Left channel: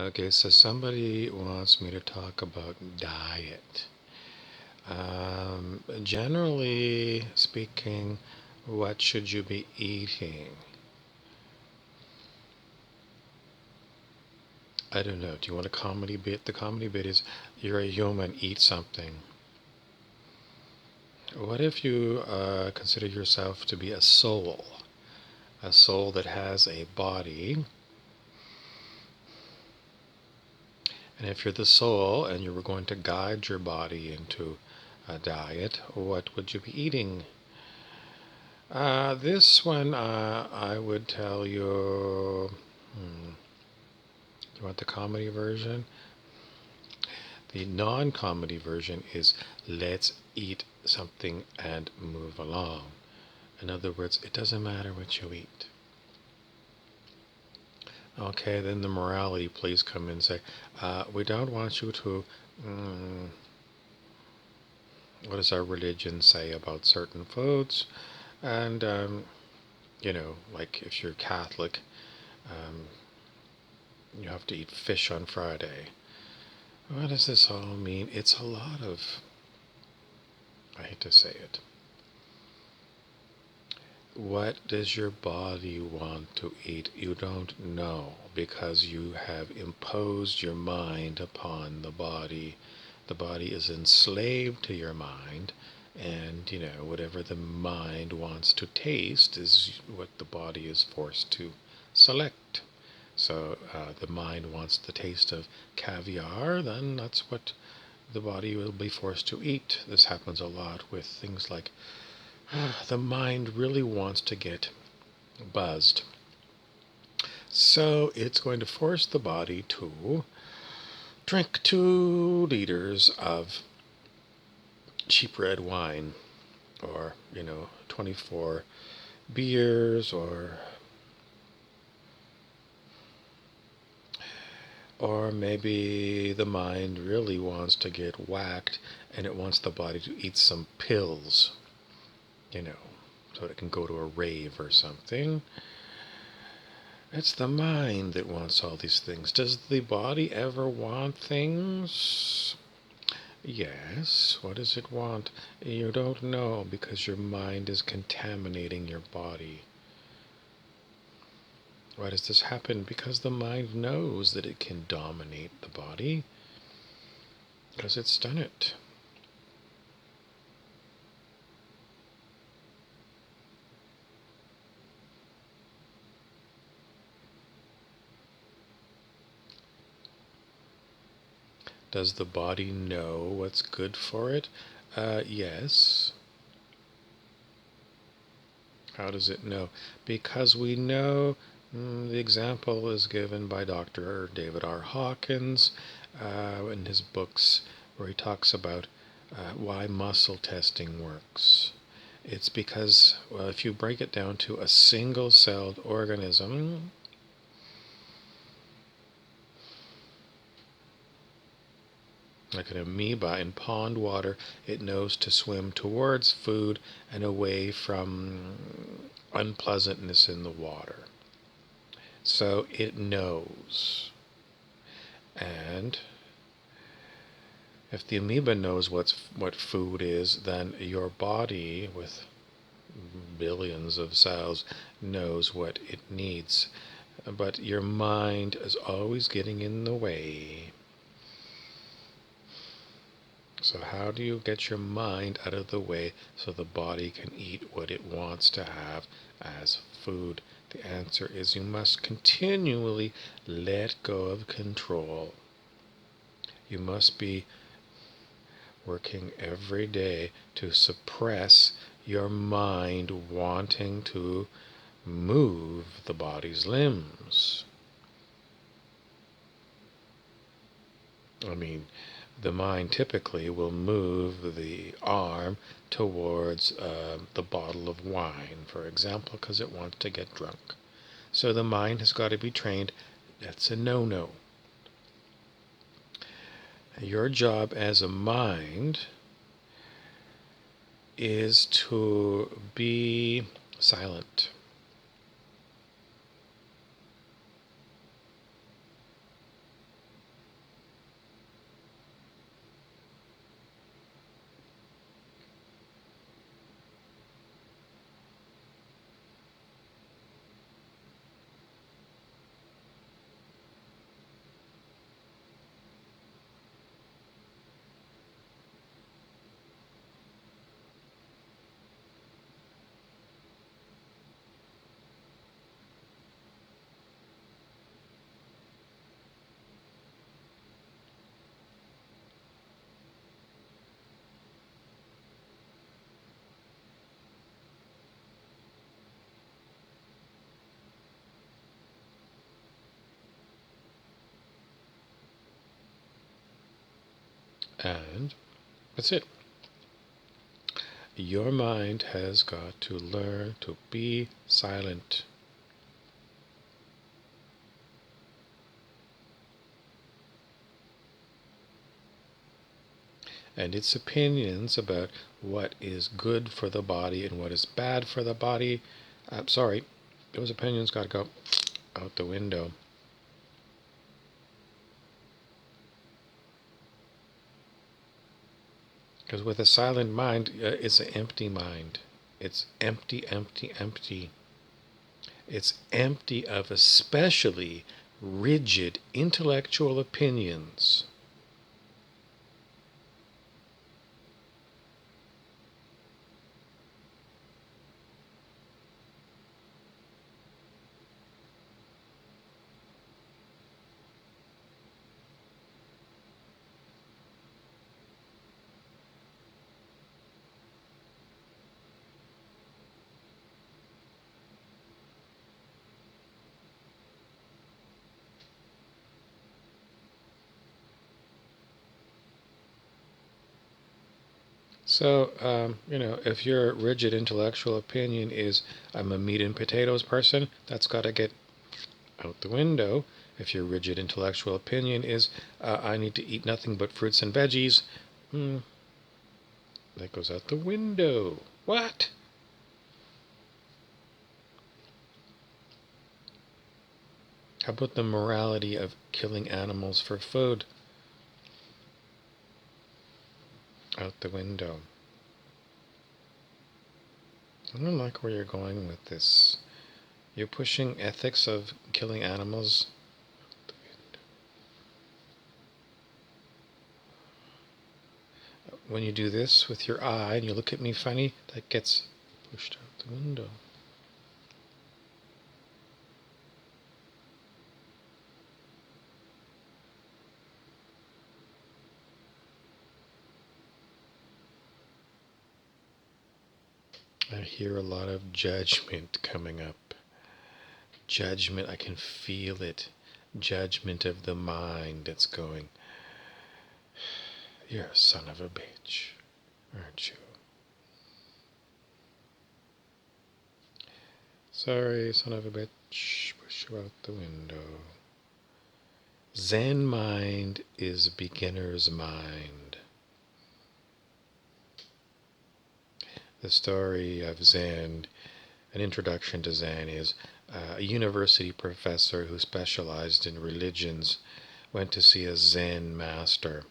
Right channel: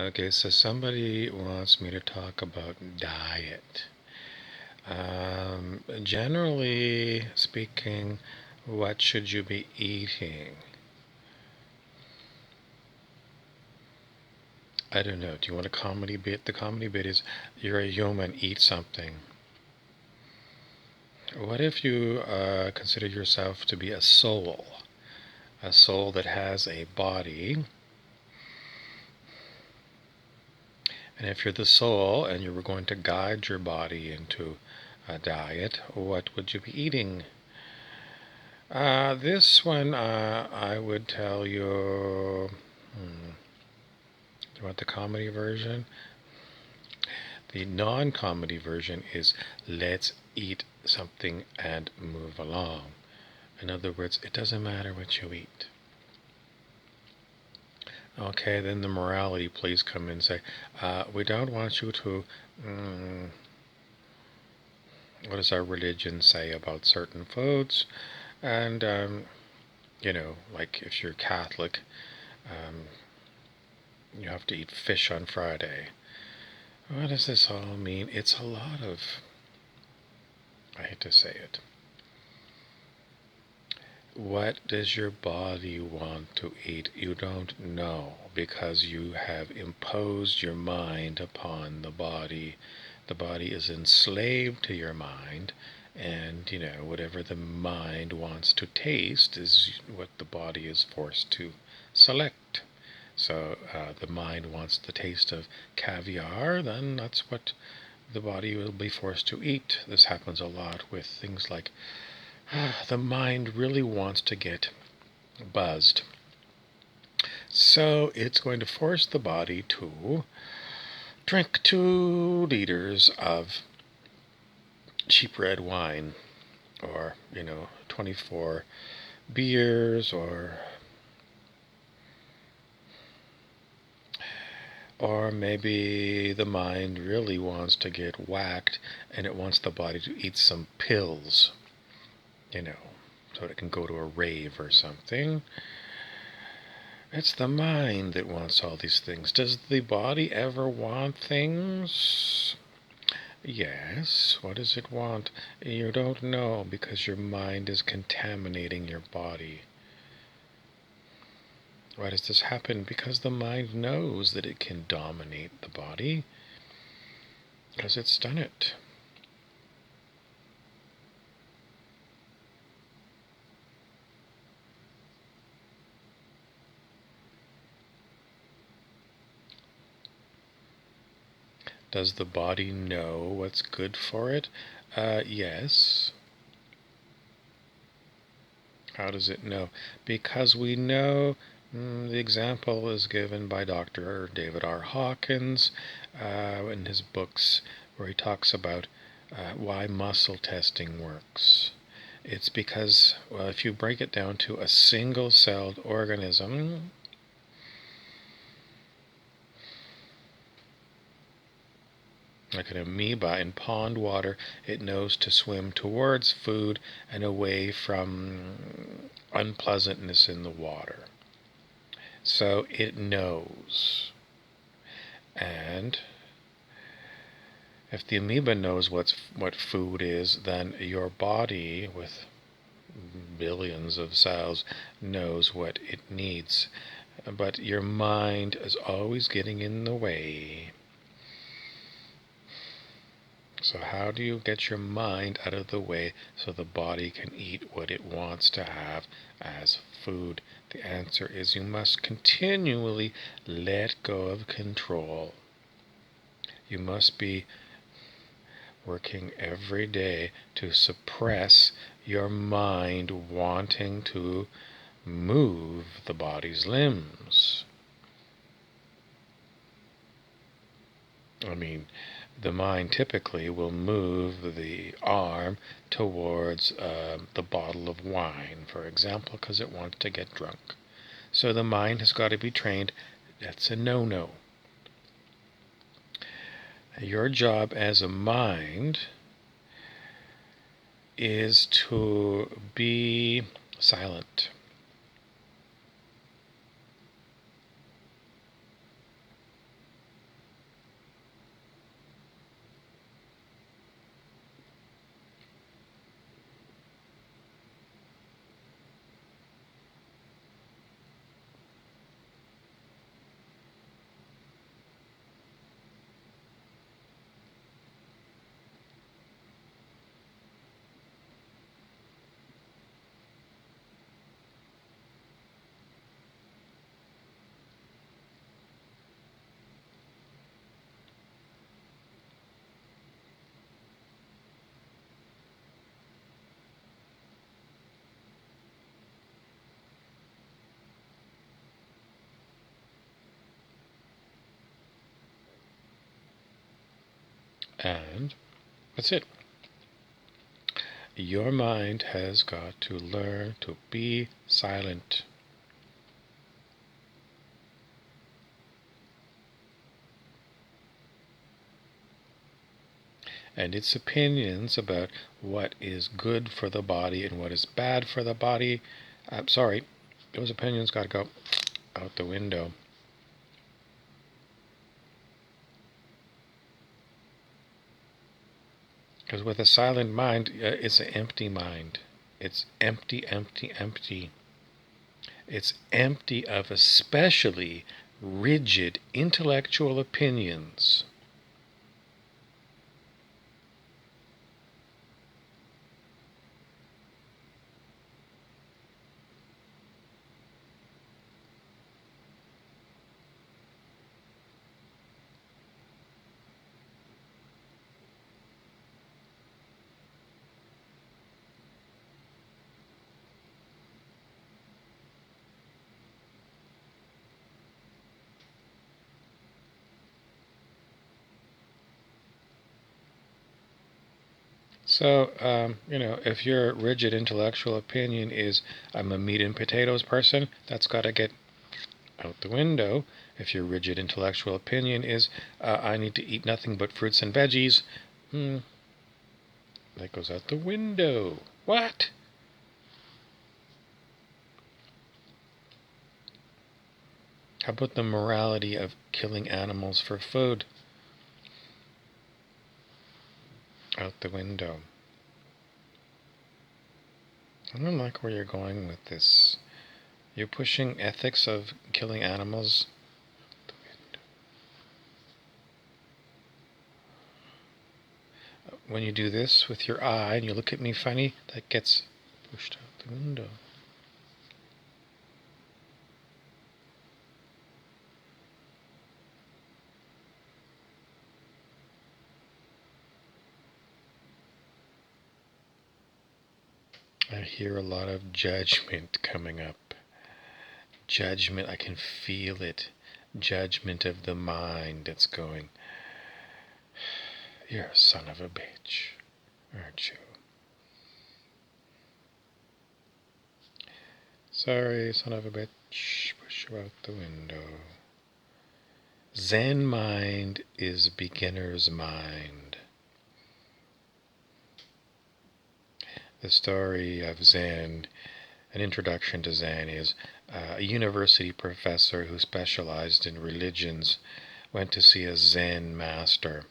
Okay, so somebody wants me to talk about diet. Generally speaking, what should you be eating? I don't know. Do you want a comedy bit? The comedy bit is you're a human, eat something. What if you consider yourself to be a soul? A soul that has a body. And if you're the soul and you were going to guide your body into a diet, what would you be eating? This one, I would tell you. You want the comedy version? The non comedy version is let's eat something and move along. In other words, it doesn't matter what you eat. Okay, then the morality police come in and say, we don't want you to. What does our religion say about certain foods? And, like if you're Catholic, you have to eat fish on Friday. What does this all mean? It's a lot of, I hate to say it. What does your body want to eat? You don't know because you have imposed your mind upon the body. The body is enslaved to your mind, and whatever the mind wants to taste is what the body is forced to select. So the mind wants the taste of caviar, then that's what the body will be forced to eat. This happens a lot with things like the mind really wants to get buzzed. So it's going to force the body to drink 2 liters of cheap red wine, or 24 beers, or maybe the mind really wants to get whacked and it wants the body to eat some pills, so it can go to a rave or something. It's the mind that wants all these things. Does the body ever want things? Yes. What does it want? You don't know because your mind is contaminating your body. Why does this happen? Because the mind knows that it can dominate the body, because it's done it. Does the body know what's good for it? Yes. How does it know? Because we know. The example is given by Dr. David R. Hawkins in his books, where he talks about why muscle testing works. It's because, well, if you break it down to a single-celled organism, like an amoeba in pond water, it knows to swim towards food and away from unpleasantness in the water. So it knows. And if the amoeba knows what food is, then your body, with billions of cells, knows what it needs. But your mind is always getting in the way. So how do you get your mind out of the way so the body can eat what it wants to have as food? The answer is you must continually let go of control. You must be working every day to suppress your mind wanting to move the body's limbs. I mean, the mind typically will move the arm towards the bottle of wine, for example, because it wants to get drunk. So the mind has got to be trained. That's a no-no. Your job as a mind is to be silent. And that's it. Your mind has got to learn to be silent. And its opinions about what is good for the body and what is bad for the body, I'm sorry, those opinions got to go out the window. Because with a silent mind, it's an empty mind. It's empty, empty, empty. It's empty of especially rigid intellectual opinions. So, if your rigid intellectual opinion is, I'm a meat and potatoes person, that's got to get out the window. If your rigid intellectual opinion is, I need to eat nothing but fruits and veggies, that goes out the window. What? How about the morality of killing animals for food? Out the window. I don't like where you're going with this. You're pushing ethics of killing animals. When you do this with your eye and you look at me funny, that gets pushed out the window. I hear a lot of judgment coming up. Judgment, I can feel it. Judgment of the mind that's going, you're a son of a bitch, aren't you? Sorry, son of a bitch, push you out the window. Zen mind is beginner's mind. The story of Zen, an introduction to Zen, is a university professor who specialized in religions went to see a Zen master.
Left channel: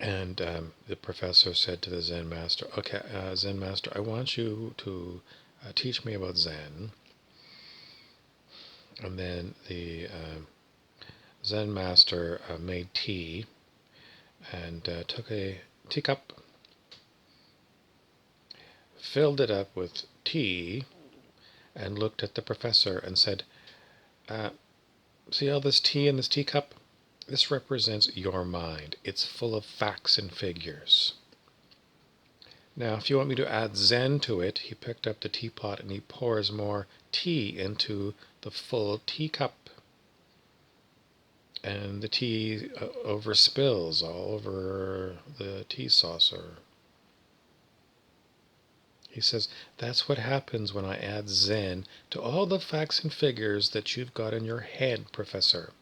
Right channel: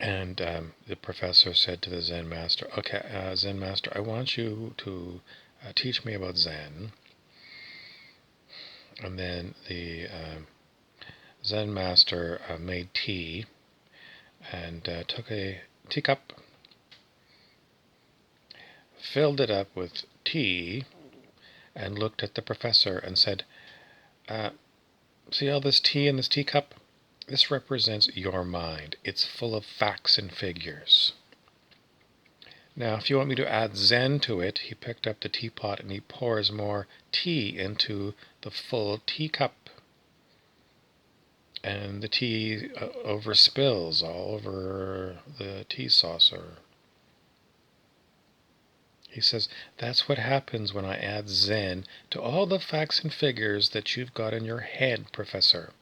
And the professor said to the Zen master, okay, Zen master, I want you to teach me about Zen. And then the Zen master made tea and took a teacup, filled it up with tea, and looked at the professor and said, see all this tea in this teacup? This represents your mind. It's full of facts and figures. Now, if you want me to add Zen to it, he picked up the teapot and he pours more tea into the full teacup. And the tea overspills all over the tea saucer. He says, that's what happens when I add Zen to all the facts and figures that you've got in your head, Professor.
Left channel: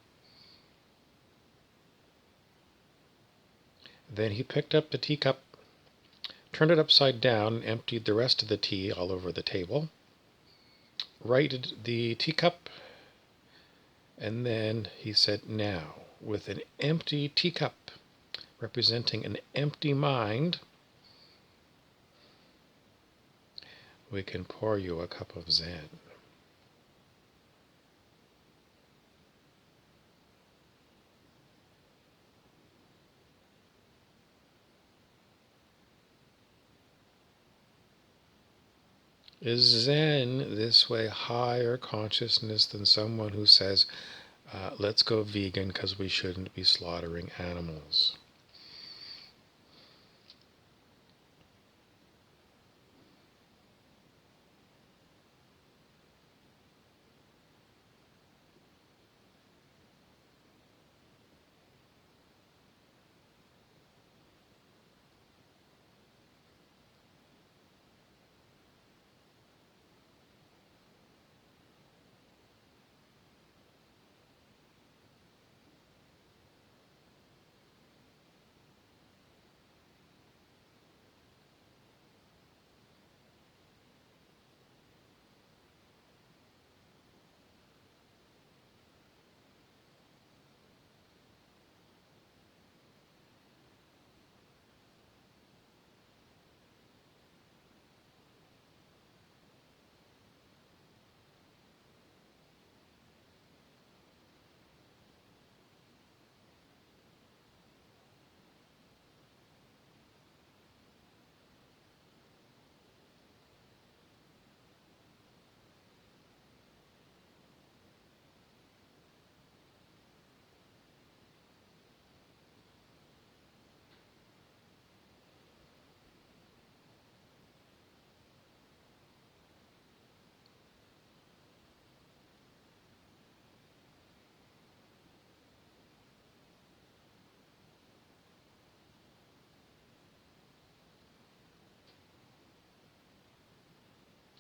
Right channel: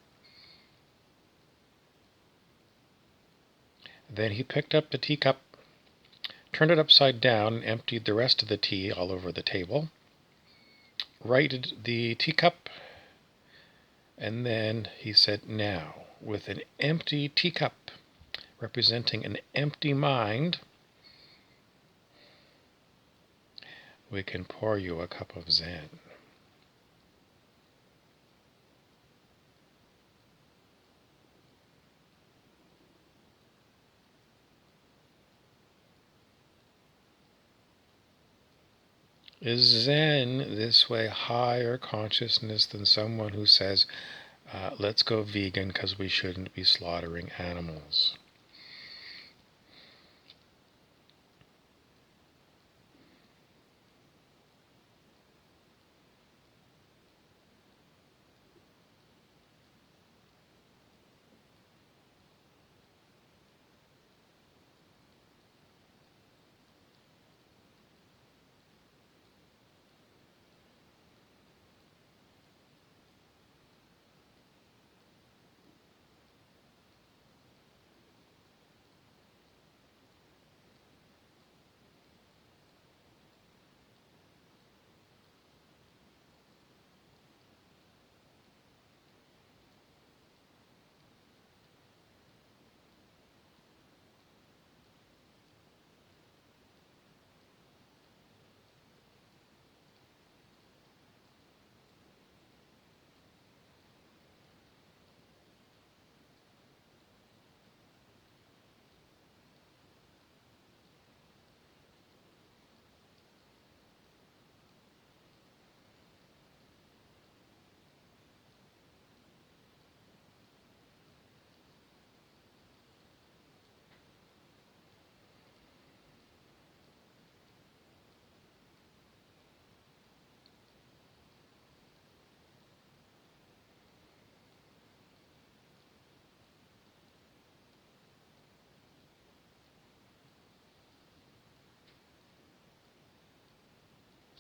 Then he picked up the teacup, turned it upside down, and emptied the rest of the tea all over the table, righted the teacup, and then he said, now, with an empty teacup representing an empty mind, we can pour you a cup of Zen. Is Zen this way higher consciousness than someone who says, let's go vegan because we shouldn't be slaughtering animals?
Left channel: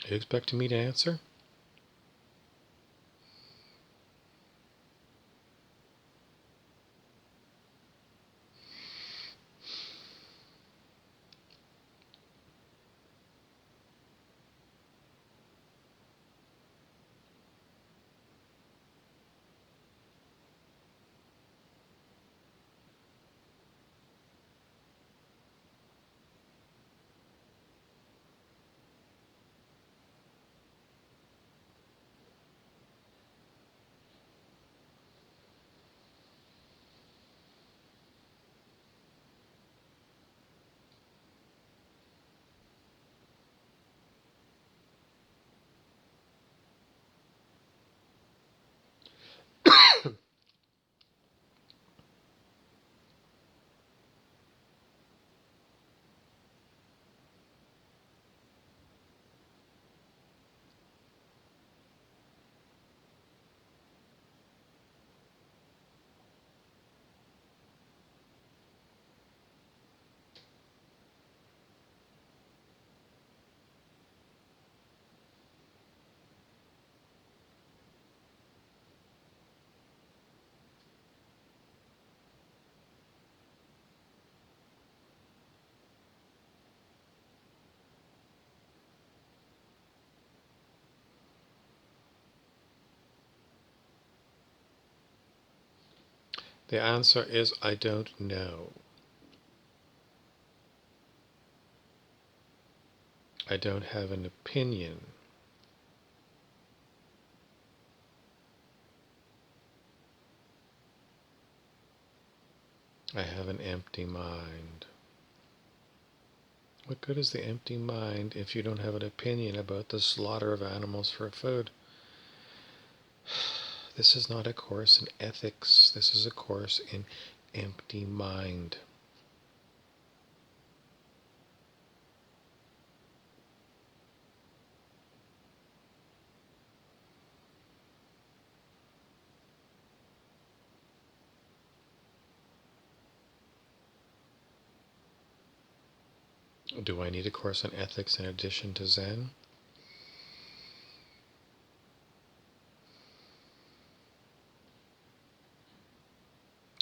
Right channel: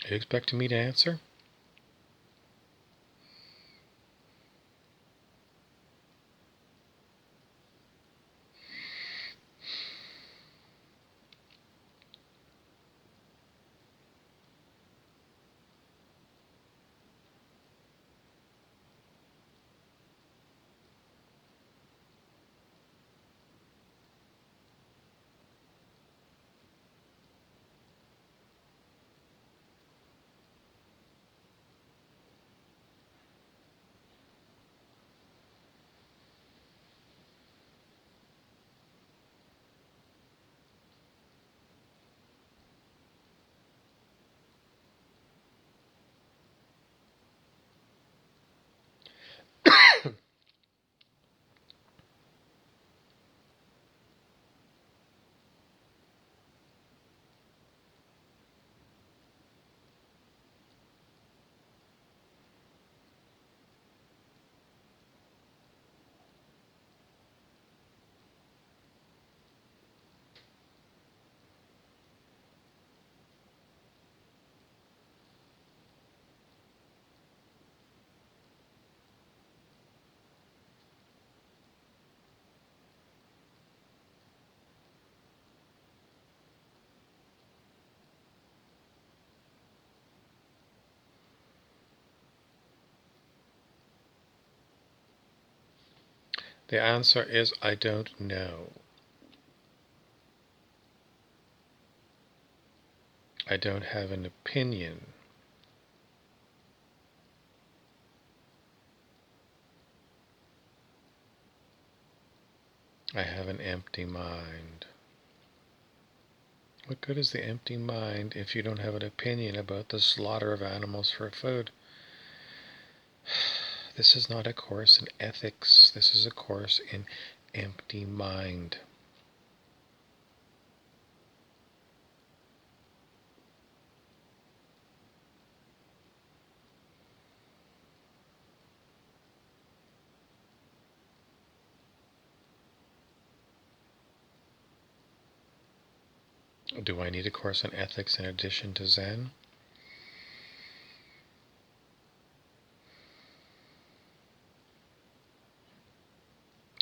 Are you expecting me to answer? The answer is I don't know. I don't have an opinion. I have an empty mind. What good is the empty mind if you don't have an opinion about the slaughter of animals for food? This is not a course in ethics. This is a course in empty mind. Do I need a course in ethics in addition to Zen?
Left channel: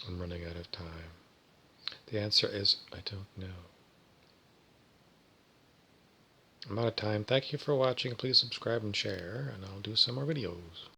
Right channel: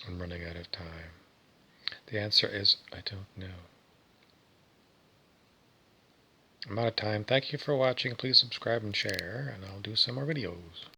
I'm running out of time. The answer is I don't know. I'm out of time. Thank you for watching. Please subscribe and share, and I'll do some more videos.